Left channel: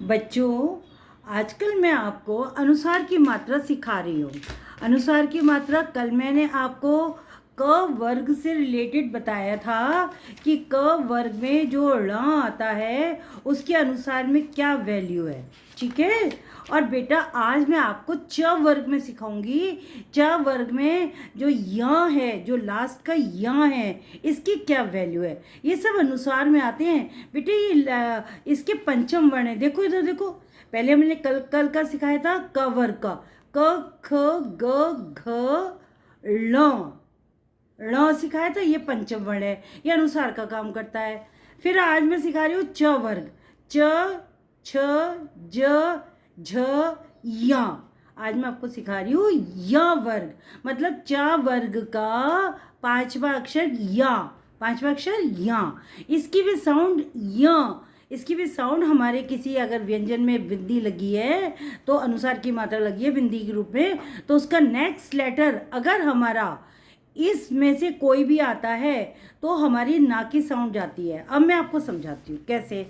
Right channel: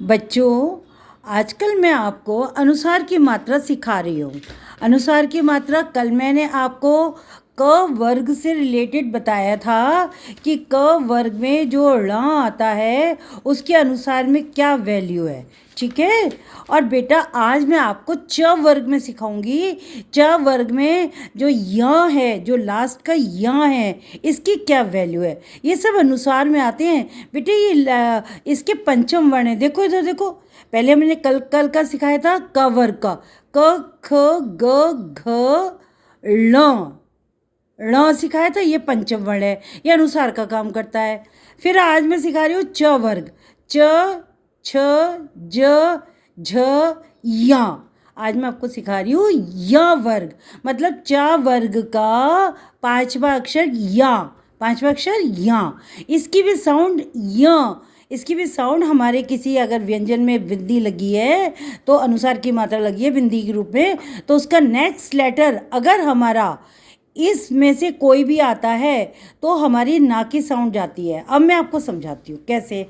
बच्चों, आजकल मैं आपको अनुसार की मात्रा सिखा रही हूँ। अनुसार की मात्रा कल मैंने आपको क वर्ग से रिलेटेड बताया था कि क वर्ग में जो ण आता है उसके अनुसार में क्या वैल्यू है। ठीक है। और बेटा आज मैं आपको च वर्ग में सिखाऊंगी। च वर्ग में जो य है, जो लास्ट का य है, इसकी क्या वैल्यू है। ये सब अनुसार में आते हैं बेटे। इसके पंचम वर्ण है। देखो इधर देखो, पहले मैंने कल कल का सिखाया था क वर्ग का। क ख ग घ ळ ण सिखाया था। ये पंचम वर्ण है, ये अनुसार का काम करता है। फिर आज मैं सिखा रही हूँ च वर्ग। च छ ज झ या। आज मैं आपको सिखा रही हूँ य वर्ग, मतलब च वर्ग का पांचवा अक्षर या। पांचवा अक्षर या। इसकी भी साउंड य। इसकी भी साउंड हमारे किसी अगर व्यंजन में बिंदी लगी है तो अनुसार की मात्रा लगी है बिंदी के रूप में, तो उसका नेक्स्ट लेटर अगर हमारा इसमें से कोई भी आता है तो हमारी ना की साउंड जाती है। अब मैं आपको समझाती हूँ कैसे।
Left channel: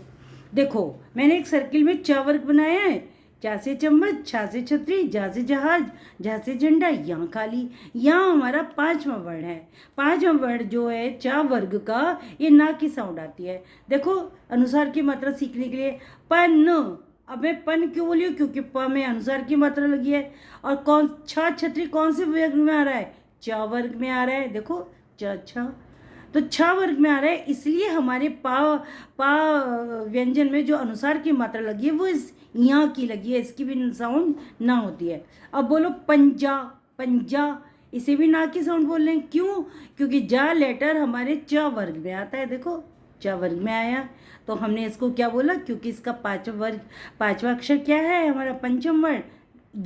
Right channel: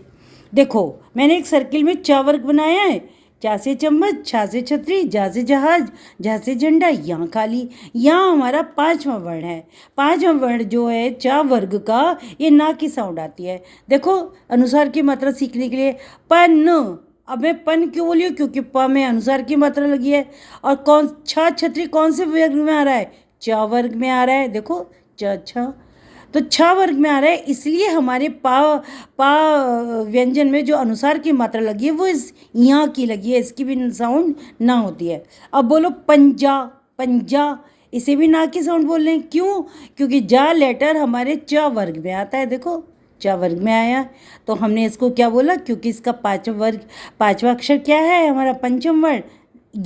देखो, मैंने एक सर्किल में च वर्ग बनाया है। चा से चम्मच, छा से छतरी, जा से जहाज, झा से झंडा, यहाँ खाली। यहाँ हमारा पांचवा वर्ण है। पांचवा वर्ण जो है च वर्ग का, ये ना की साउंड आती है। देखो, अनुसार की मात्रा सीखने के लिए पन। अब मैं पन क्यों बोली हूँ? क्योंकि प में अनुसार की मात्रा लगी है। और कौन छा छतरी कौन से वर्ग में आ रहा है? च वर्ग में आ रहा है। देखो, च छ तो छ वर्ग में आ रहा है, इसलिए हमारे पा व्यंजन में जो अनुसार की मात्रा लगी है वो इस यहाँ की लगी है। इसकी भी साउंड ना होती है। अब बोलो पंजा। पंजा, इसे भी ना की साउंड बोल रहे हैं। क्यों? क्योंकि जा लेटर हमारे च वर्ग में आता है। देखो, च वर्ग में आया तो हमने इसको क्या बोला? क्योंकि इसका पांचवा अक्षर क्या है? हमारा पंचम वर्ण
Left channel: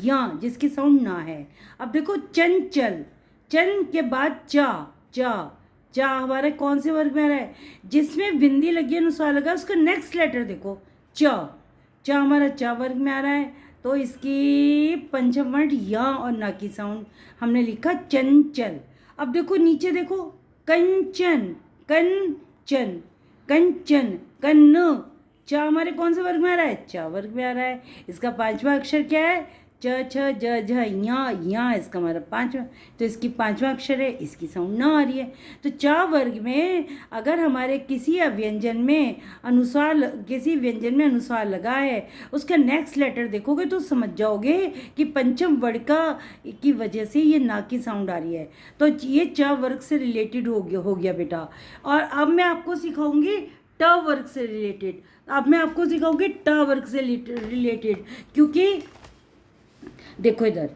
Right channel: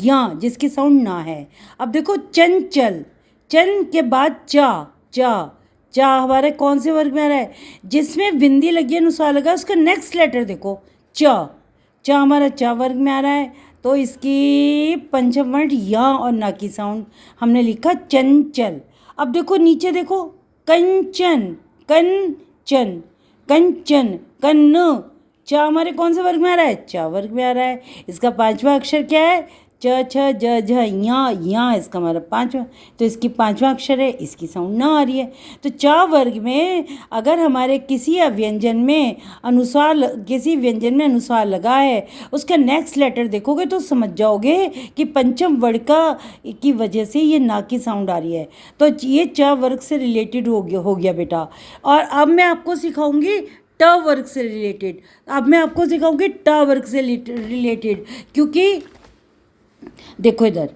या, जिसकी साउंड ना है। अब देखो, चंचल। चन के बाद चा। चा चा हमारे कौन से वर्ग में आ रहा है? जिसमें बिंदी लगी अनुसार लगा, उसका नेक्स्ट लेटर देखो, च। चा हमारा चा वर्ग में आ रहा है, तो इसकी पंचम वर्ण या और ना की साउंड हमने लिखा चंचल। अब देखो नीचे देखो, कंचन। कंचन कंचन कन्न। चा हमारे कौन से वर्ग में आ रहा है? चा वर्ग में आ रहा है। इसका पांचवा अक्षर क्या है? च छ ज झ या इसका हमारा पांचवा, तो इसकी पांचवा अक्षर है, इसकी साउंड ना आ रही है। तो च वर्ग में अगर हमारे किसी व्यंजन में अनुसार लगा है, उसका नेक्स्ट लेटर देखोगे तो समझ जाओगे कि पंचम वर्ण का की वजह से ये ना की साउंड आ रही है। तो ये च वर्ग से रिलेटेड हो गया बेटा। और अब मैं आपको सिखाऊंगी ट वर्ग से रिलेटेड। अब मैं आपको सिखाऊंगी ट वर्ग से रिलेटेड, क्योंकि देखो इधर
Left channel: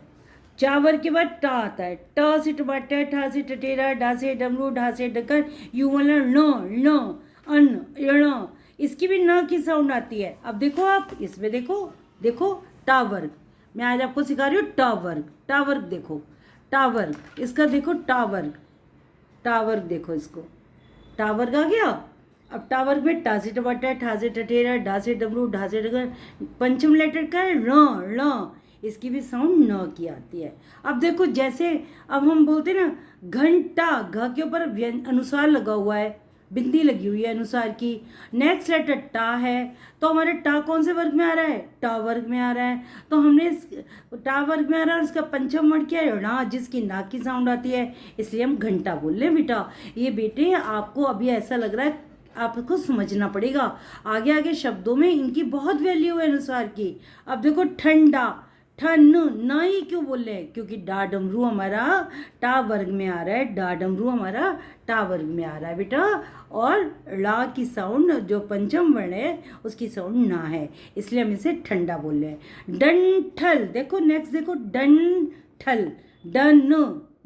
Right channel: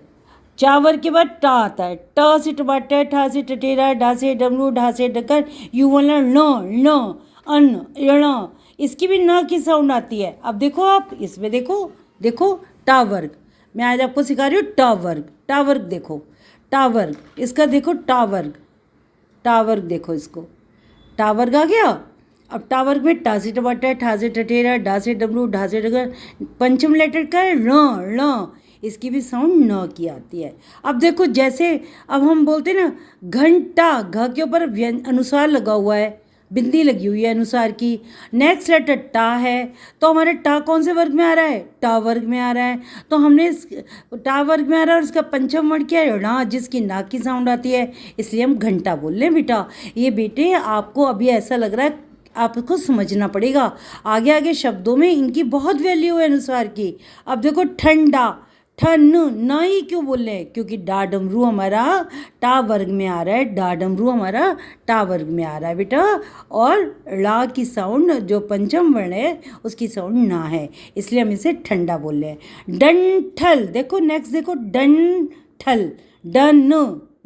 चा वर्ग के बाद टा आता है। ट से टमाटर, ठा से टटेरा, डा से डमरू, ढा से ढक्कन, यू वाला न अन्न ण, इसकी भी न की साउंड आती है। अब देखो, आप इसमें देखो, देखो टा वर्ग। मैं आज आपको सिखा रही हूँ टा वर्ग। टा वर्ग देखो, टा वर्ग, इसका देखो टा वर्ग। टा वर्ग देखो, इसको टा वर्ग आ गया। अब टा वर्ग में टा से टमाटर, ठा से टटेरा, डा से डमरू, ढा से ढक्कन, पंचम लेटर का है ण। इसकी भी साउंड न की आती है। अब देखो, जैसे अब हम बोलते हैं ना घंटा, घ के ऊपर अनुसार लगा हुआ है, बिंदी लगी हुई है अनुसार की। नेक्स्ट लेटर टा है, तो हमारे टा कौन से वर्ग में आ रहा है? टा वर्ग में आ रहा है। तो हमने इस टा वर्ग में आ रहा है और इसका पंचम वर्ण क्या है? णा, जिसकी ना की साउंड आती है, इसलिए हम घंटा बोल रहे हैं बेटा। ये बेटे आपको अभी ऐसा लग रहा है, आपको समझना पड़ेगा। आगे आगे शब्दों में इनकी बहुत वैल्यू है अनुसार की। अब देखो, ठंडा। ठन न ही क्यों बोल रहे हैं? क्योंकि डा डमरू हमारा टा वर्ग में आ रहा है। डा डमरू हमारा टा वर्ग में आ रहा है बेटा। और ला की साउंड जो पंचम वर्ण है उसकी साउंड ना है, इसलिए हम इसे ठंडा बोल रहे हैं। डंठल। देखो नेक्स्ट देखो, डंठल। डन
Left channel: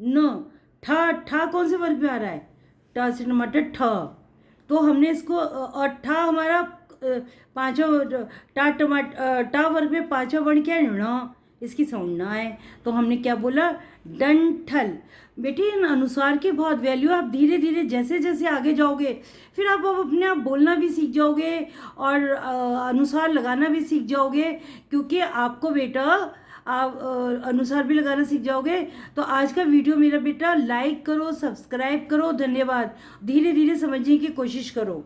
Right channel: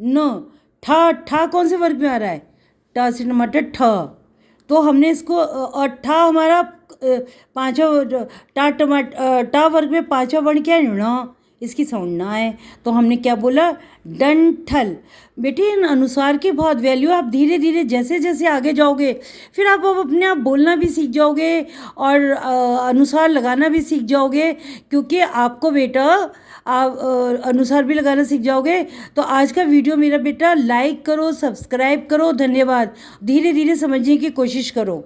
न ठा। ठा कौन से वर्ग में आ रहा है? टा से टमाटर ठ। तो हमने इसको और ठा हमारा पांचवा, टा वर्ग में पांचवा वर्ण क्या है? ण, इसकी साउंड ना है, तो हमने क्या बोला? डंठल। बेटे इन अनुसार की बहुत वैल्यू। आप धीरे धीरे जैसे जैसे आगे जाओगे फिर आप अब अपने आप बोलना भी सीख जाओगे और अनुसार लगाना भी सीख जाओगे, क्योंकि आपको बेटा आप अनुसार भी लगाना सीख जाओगे। तो आज का वीडियो मेरा बेटा लाइक करो, सब्सक्राइब करो। धन्यवाद। धीरे धीरे समझने की कोशिश करो।